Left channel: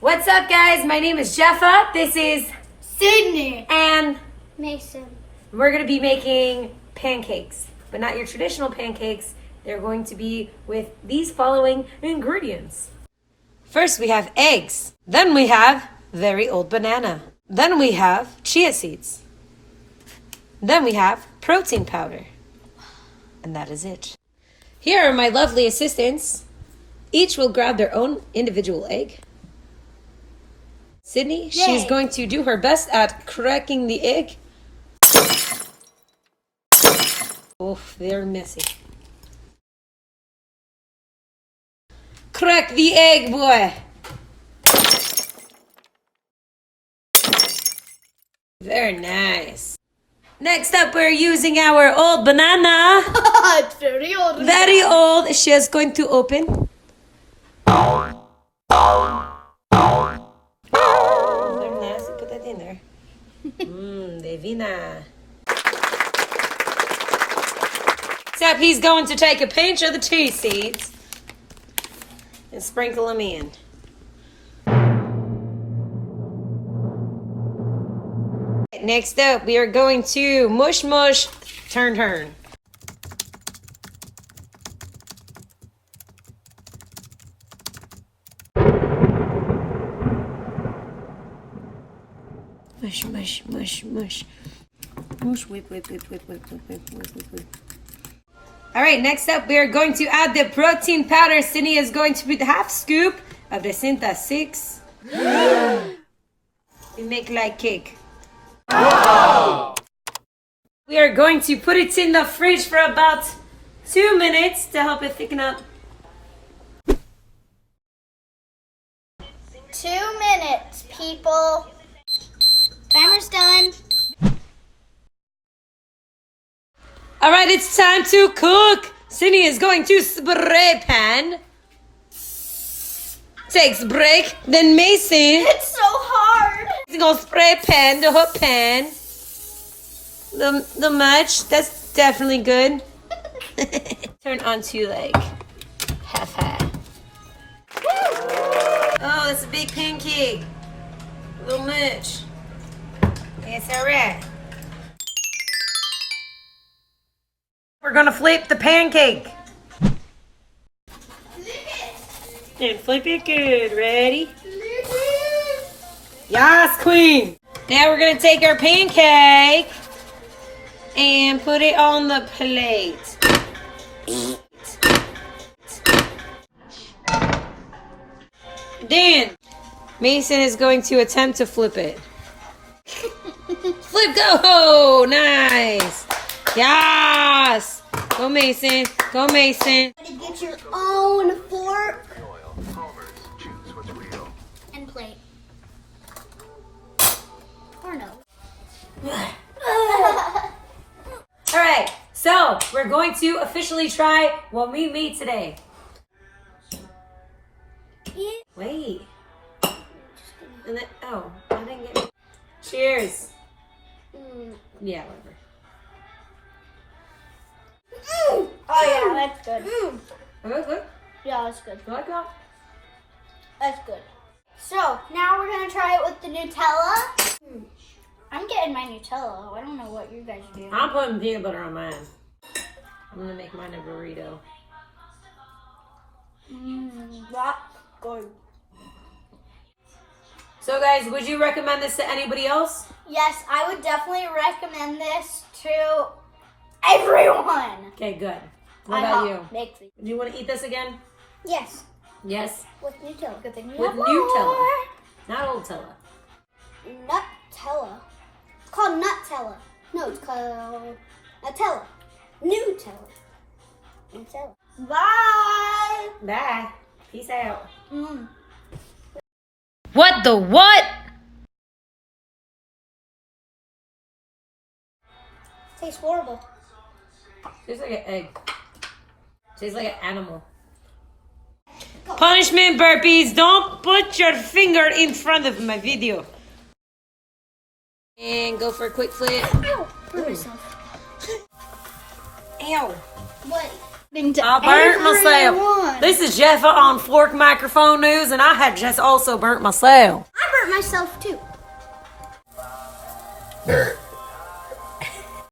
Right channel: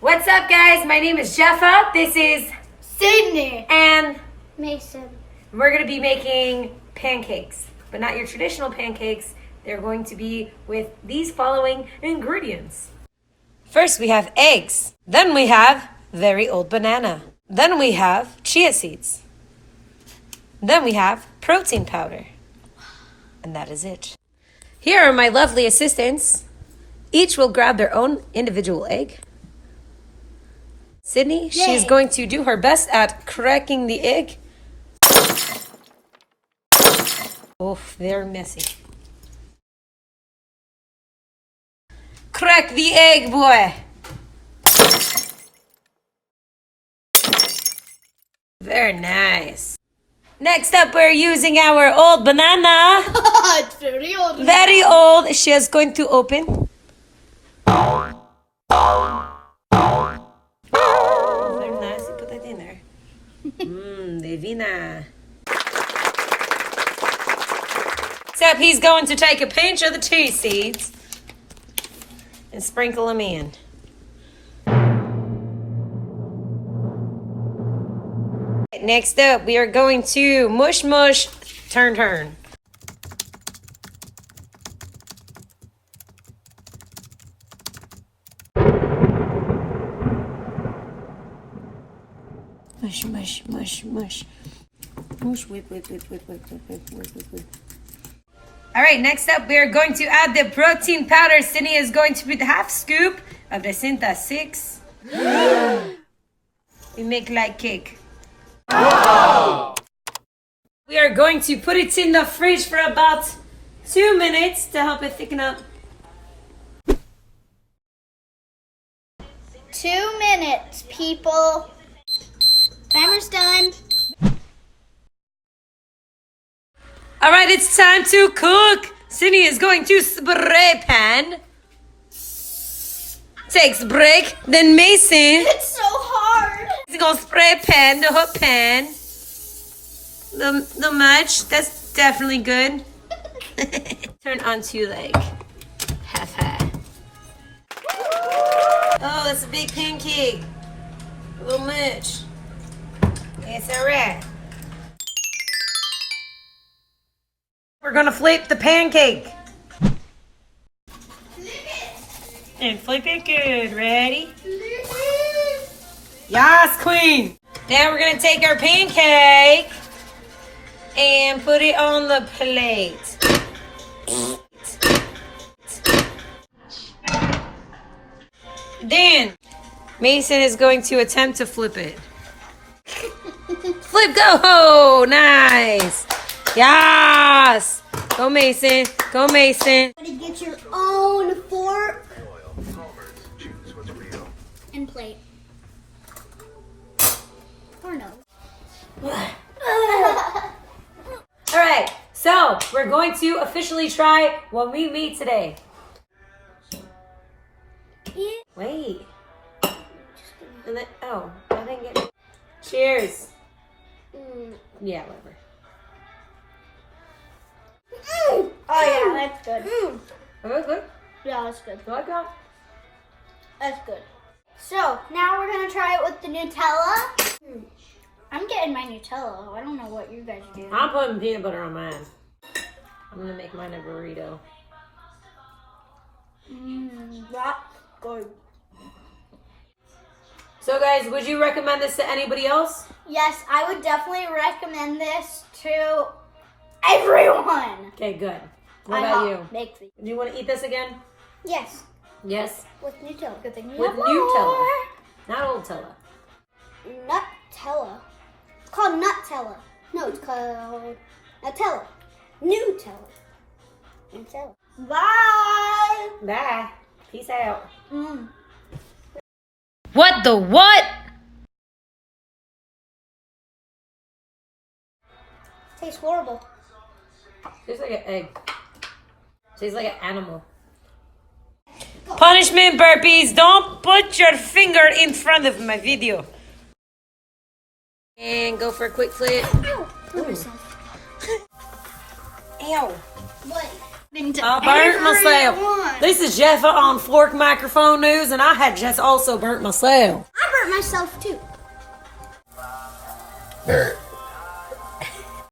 What's up, guys? My name is Jepha. This is Sydney. and Mason. we're going to be making pancakes, but not your traditional pancakes. They're going to be with these following ingredients. First, we have eggs. Then we have very old banana. Then we have chia seeds. Then we have protein powder. And that is it. Here are my lovely assistants. Each will grab their own individual egg. Sydney, she's going to do her best at cracking the egg. Oh, they're messy. Crack the egg, boy. Very nice. Next up, we're using our old banana. It's very old. Very old. She is going to open. Very nice. Put that in there. Divina. Except he's going to take a pinch of the chia seeds and sprinkle them in. Next up, we are going to mush, mush, turn, turn. Mush, mush, mush, mush. Mush, whip, whip, whip, whip, whip, whip, whip, whip, whip, whip. All right, next up, we are going to add the protein powder. Sydney is going to put half scoop of the Cinta 6. We make like cake. Oh! We are going to put it in the fridge for about 2 minutes to help it thicken up. 2 minutes, people. Timer's done. All right, it's time to cook. Sydney is going to spray pan. Takes a break. Then Mason. It's so hard. He's gonna spray pan, the hot pan. The much. That's definitely good. Turn onto like half. Oh, that's a big pancake. A little much. It's alright. We're gonna flip the pancake. And flip it good. Ready? Yes, queen. Now we're gonna take our pancake and put it on the plate. Then Mason is going to attempt to flip it. Flip, go! Nice. Yes. Go Mason. Go Mason. Get your own fork and plate. Or no. All right, so we're going to officially try what we made today. Wait. And then, oh, I didn't get it. Cheers. Yeah, whatever. Oh yeah, that's good. Okay. Yeah, that's good. You like that? That's good. So now we're gonna try it with the Nutella. I'm getting my Nutella. I don't know what you guys are doing. I'm putting peanut butter on mine. I'm gonna make mine a burrito. That's good. So guys, would you recommend this to anybody else? Yes, I would definitely recommend this to everyone. Okay, good. What about you? Make these. Do you want to eat this again? Yes, Yes. with Nutella. Good thing we With have Nutella. more. Not old Tella. Nutella. It's called Nutella. No, it's called Nutella. Nutella. Nutella. Bye. Bye. Peace out. Mm. What the what? Tastes horrible. Tastes like an egg. Tastes like an animal. Punishment burpees. Don't put your finger in front of my video. And go for a quick flip. Ow. Hurt myself. Ow. What? I burnt myself. This is Jepha on Fork Microphone News, and I had just also burnt myself. I burnt myself too.